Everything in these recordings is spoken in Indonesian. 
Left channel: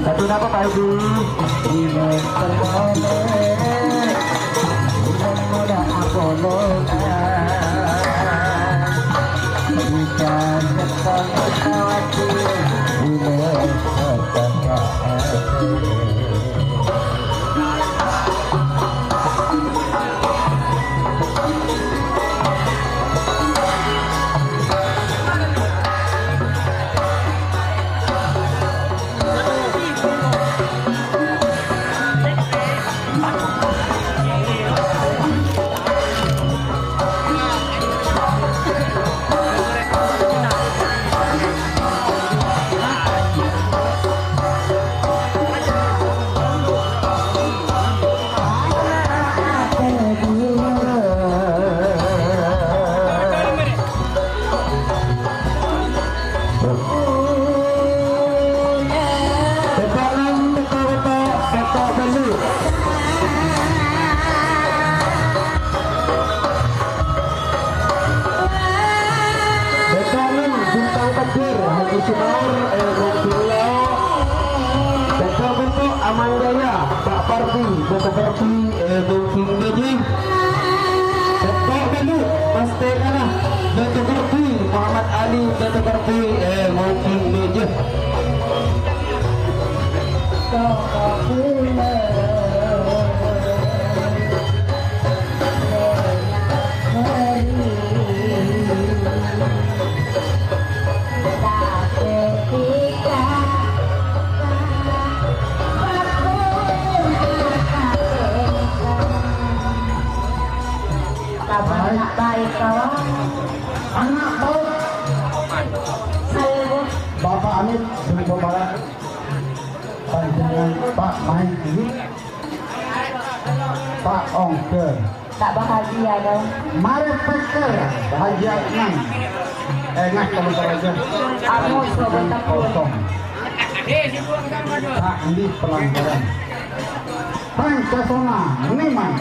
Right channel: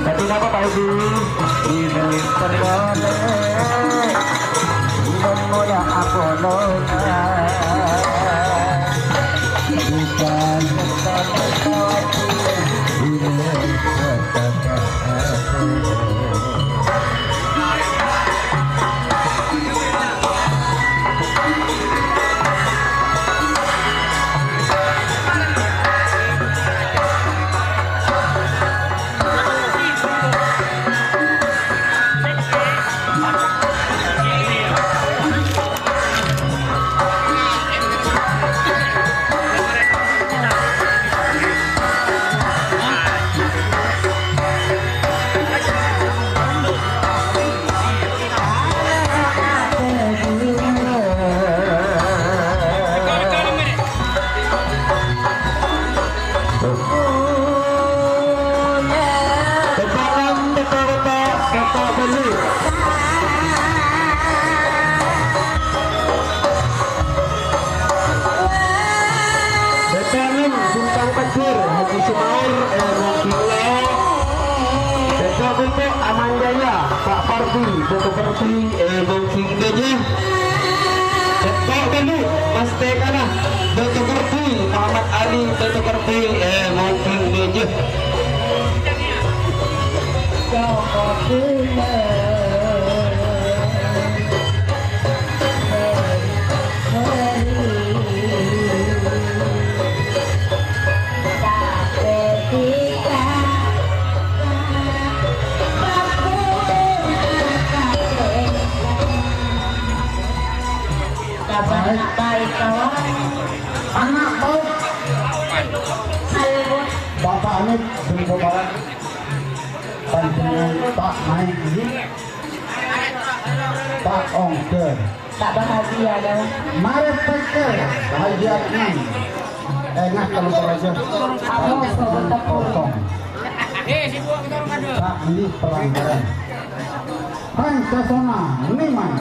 Tapi apa Pak Ibu? Pak Parti, Bapak Parti, Bungking Gajah. Cepat dulu, Mas Tekana, Bapak Parti, Muhammad Ali, Bapak Parti, Bungking Gajah. Baik kawan, anak baik, Bapak Amit Seribu Barat, Panjenengan Pak Maiki, Pak Ongker, tak bahagia dah. mari peker bahagia ini, enak kalau saja. Kosong. Pak ini pelanggaran. Pancasona memang.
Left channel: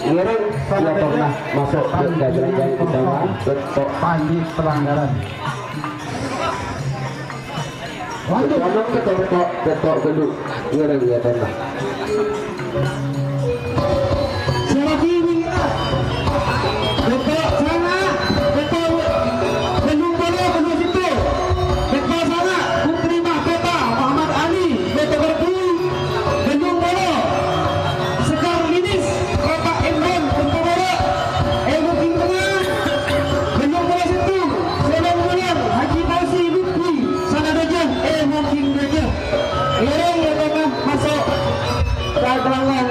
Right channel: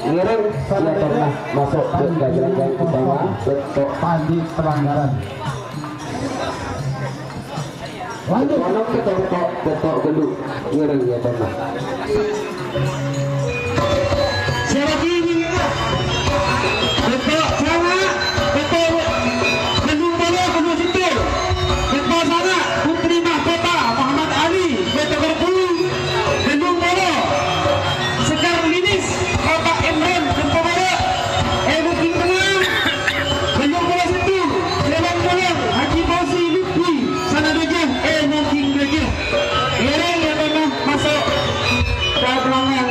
Ngiring sudah pernah masuk ke gajah-gajah utama bentuk Pandi pelanggaran. Lanjut. kalau kita bentuk gedung ngiring ya pernah. Siapa kiri ya? Betul sana, betul gedung bola kedua situ. Betul sana, Putri Mahkota Muhammad Ali, betul berdu gedung bola. Sekar Linis, Bapak Imran, betul bola. Booking menang, gedung bola situ. Jalan Bolang, Haji Fauzi Lutfi, sana gajah, Booking gajah. Ireng ya tengah masuk ke pelanggan.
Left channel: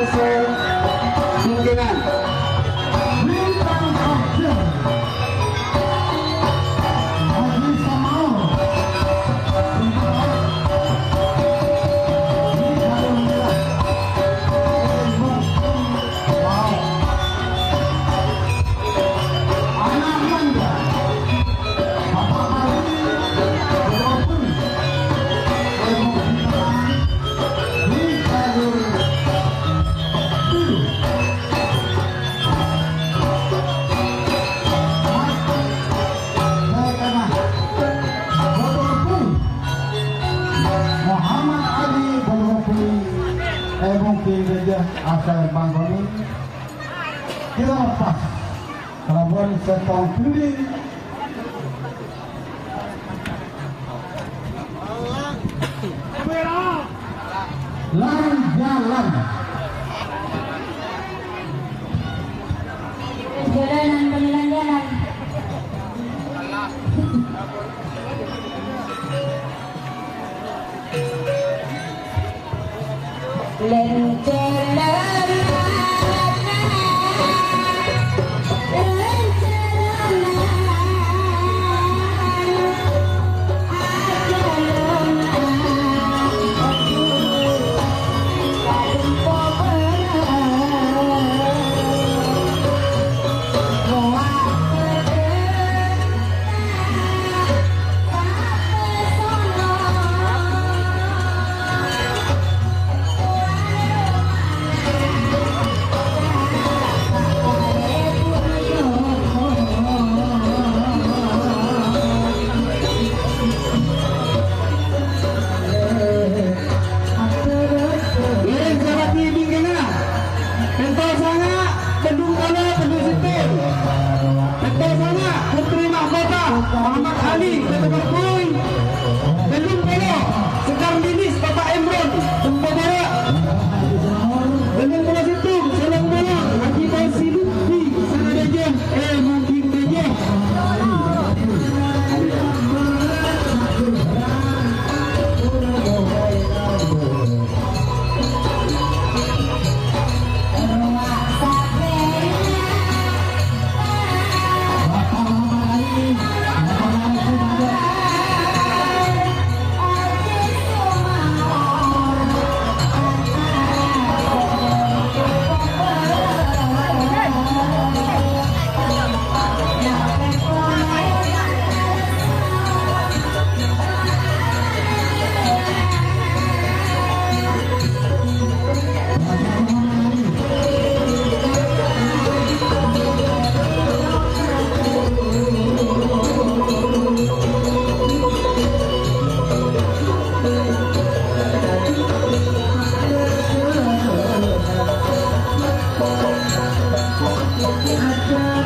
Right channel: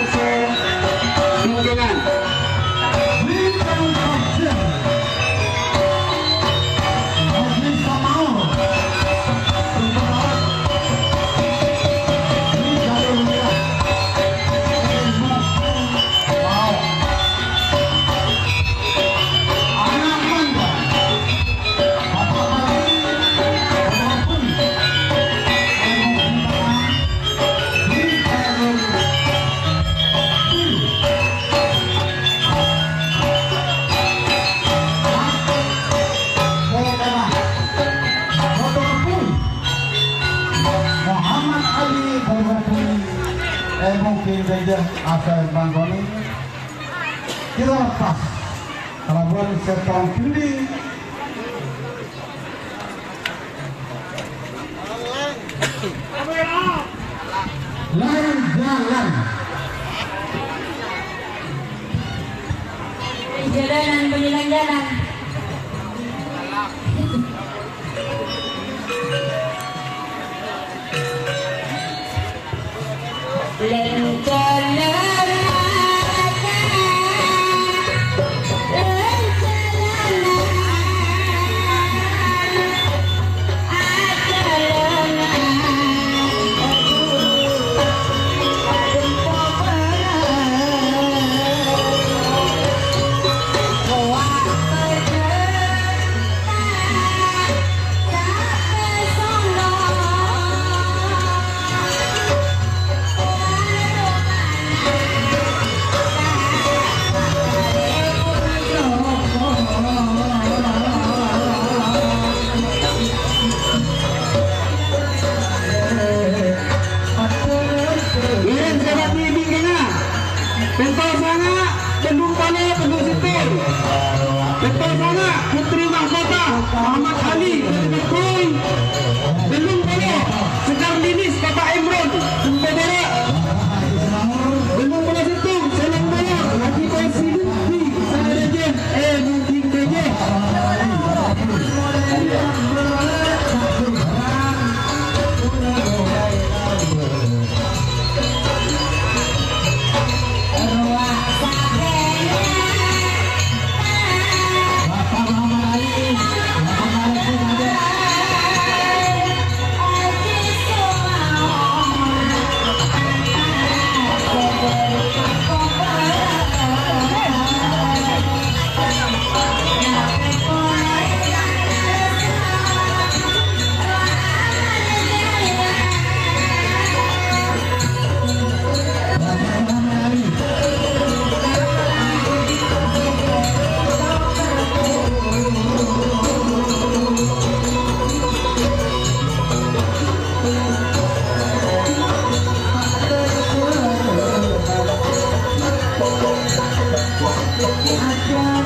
pasal Banggoni kita lepas pelabuhan Sertong Kendi lain jalan Jalanan penilang jalan. Putri Mahkota Muhammad Ali Berkoi Belum Polo Sekar Dinis Bapak Imran Pembara Belum Polo Situng Salam Bola Haji Basi Lutfi Saraja Mungkin Deja Ada